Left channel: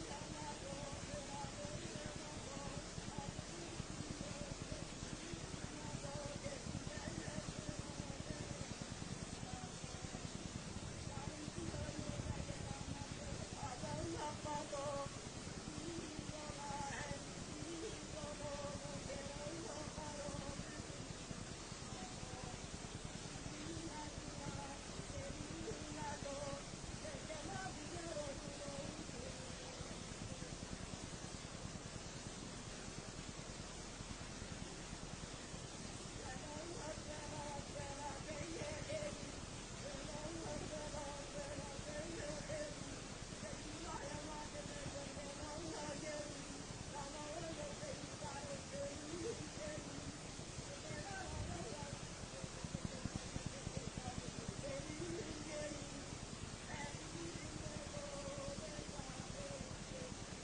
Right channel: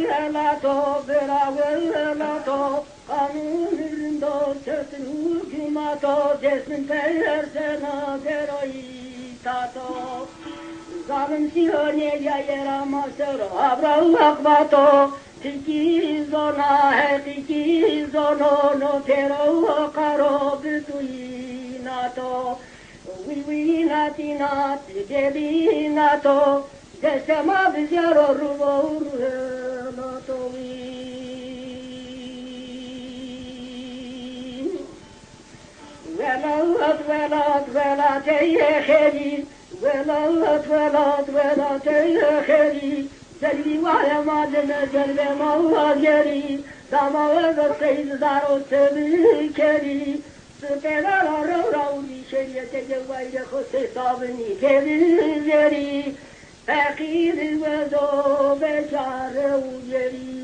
velato, vera velato, anunindo tetnu kimato, desmin persena deroitato. Zalim siyonelia yeramasero, abrahakbato, tiki zona, tiki zono, no tero karo bituinato. We natina, debi nato, desema biziaro rubo nato velat yehedi, velat yehedi, zelbi waya madene zelbe mawageri, dama ve seyd zaro sebi keri. Süpeler araudi şeriyete cevayre hose sabini kevizleri fakir ve do beçare ujeri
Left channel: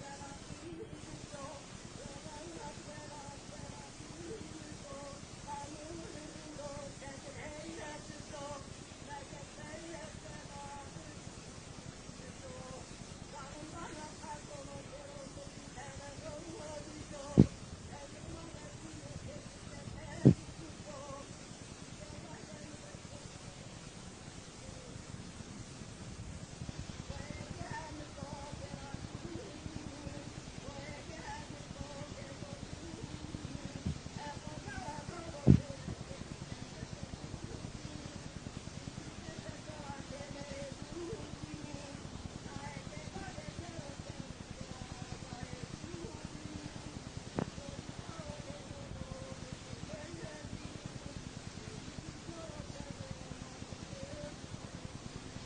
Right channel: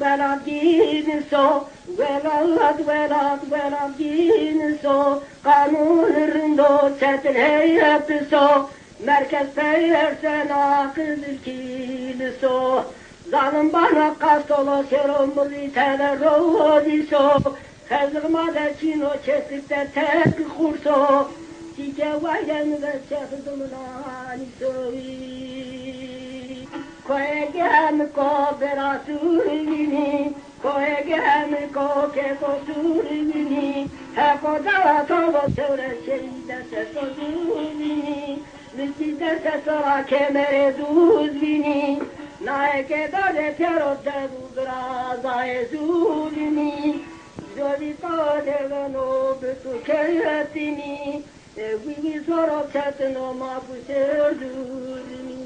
velat dinso velat dinso kanun rindo çetin heyetiso merkez peyersena kızıl kiliso zalim bana kastolo seromuri telerodiso kazırmada çino çesikte tek kurso tike vayen ve çekdımlaniso koegem ko berasurvini koegem ko keko survini heko dava tovo sevre şeyde sesozuvini Vizite sesora kemere duzvini naeke dade piero dedudra zaezuvini Jovito devano besu keretini Vivi zoro tetno mapu serduvini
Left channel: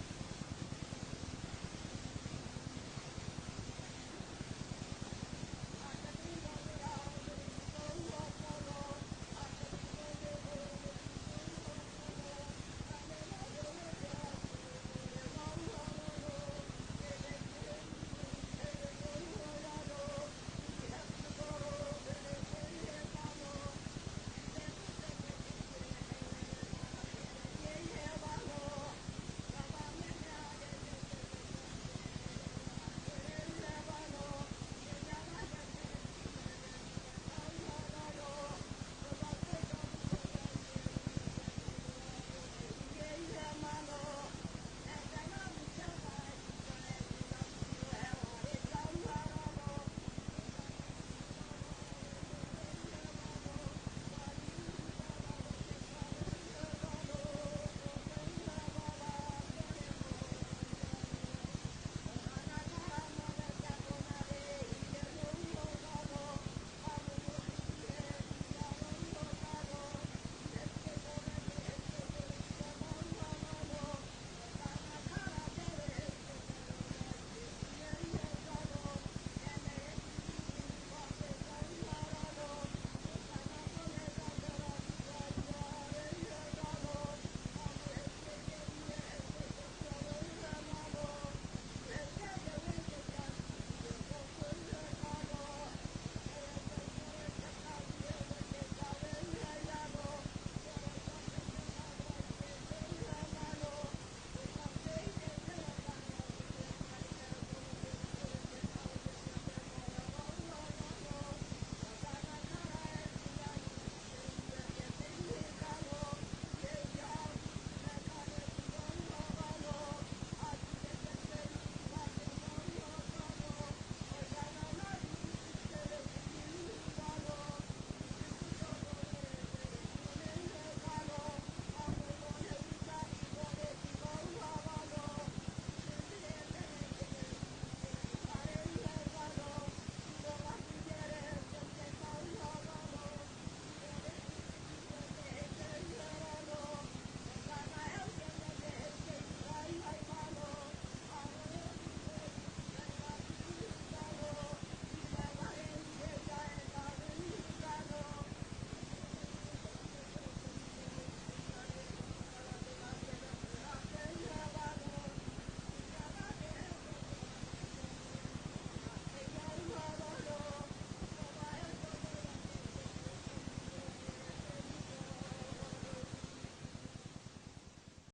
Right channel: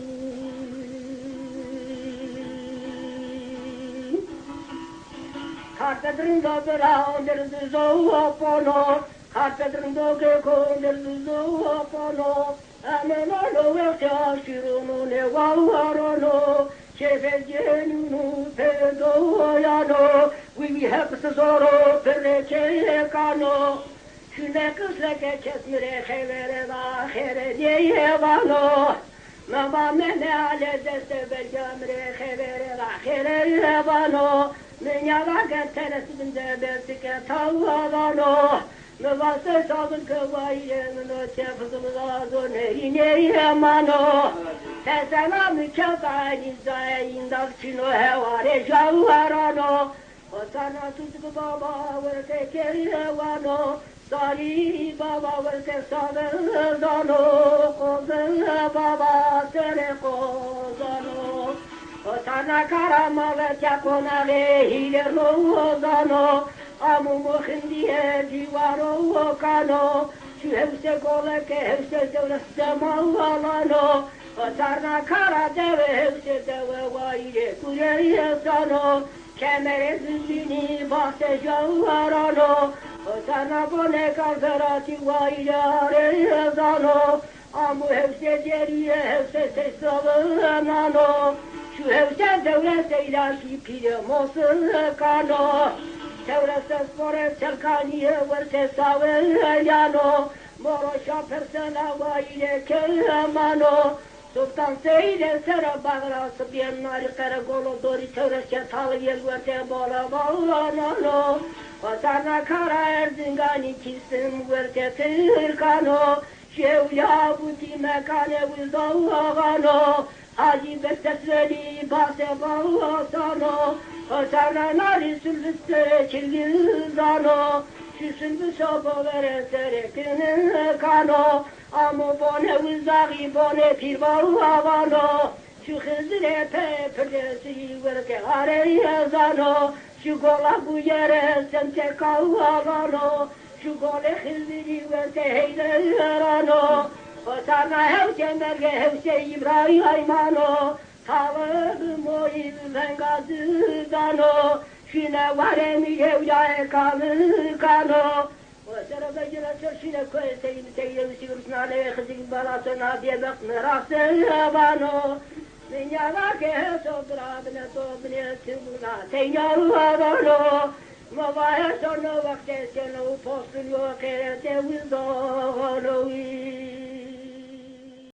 Kartedrindo bera onderduzo opono Kartedrindo geko onderduzo opono Amelalo verta shiruno ne wawarono Chefegenunu pedoyano We have tesoro perece cano Şune kısleke kesmire xevere va xere diye vano Mama mene ale deste belgamre xevere va xere vano Menyala genteresinde bertike tavvano Nıvası sabın kıvayyenino çefzımlazo neyine mano Tesena mükemmel zayin çino hevare javvarano Otana tutku baba verte kerevano Sari baba verte sabezano Kozın baba sene kozano Otana karama verte konale hile rozano Amumu hindiye divaro kano Şu hevse kole ke hevse devleste mağalano Otarna kara deve hevse deve vayre kureye sano Kemere zindini bahse javvarano Otarna bone kalferati vayre areye zano Amu hevse deriye hevse sesavınano Şu hevse devleste ilahi pire mosun kano Çevresi spore çelkaniye verte savelyano Moroşa persena vayile kelemano Sultan Seyde sera bağrası biennari karakolo dori çevreske talıye verte bola bağlanano Vatana kara erzingani kisim verte tırkano Şevya buti mekane vizavagano Hacı bestesveli base bağlasano Otana nari sülüste çilgizano Şüsündü sobo vere serekinin kano Amu bone vizagi bone pirvavano Şu hızire pe pırdesi verke areye zano Şu gola bu yere semte kavvalano Şu gole hıziri verke heylerano Otana hevce merge hevce İbrahim Aymano Tavırdım o ben gazıdano Şine varemi yevya kanı kano Sera bejire çarşine koy seyim seyim sivrusnale Kızın balasına diye bakma rastı Dünyada sobradne sobne tümuna tenyarvano Mavaya sonra vakte senu postun yok erete vizdo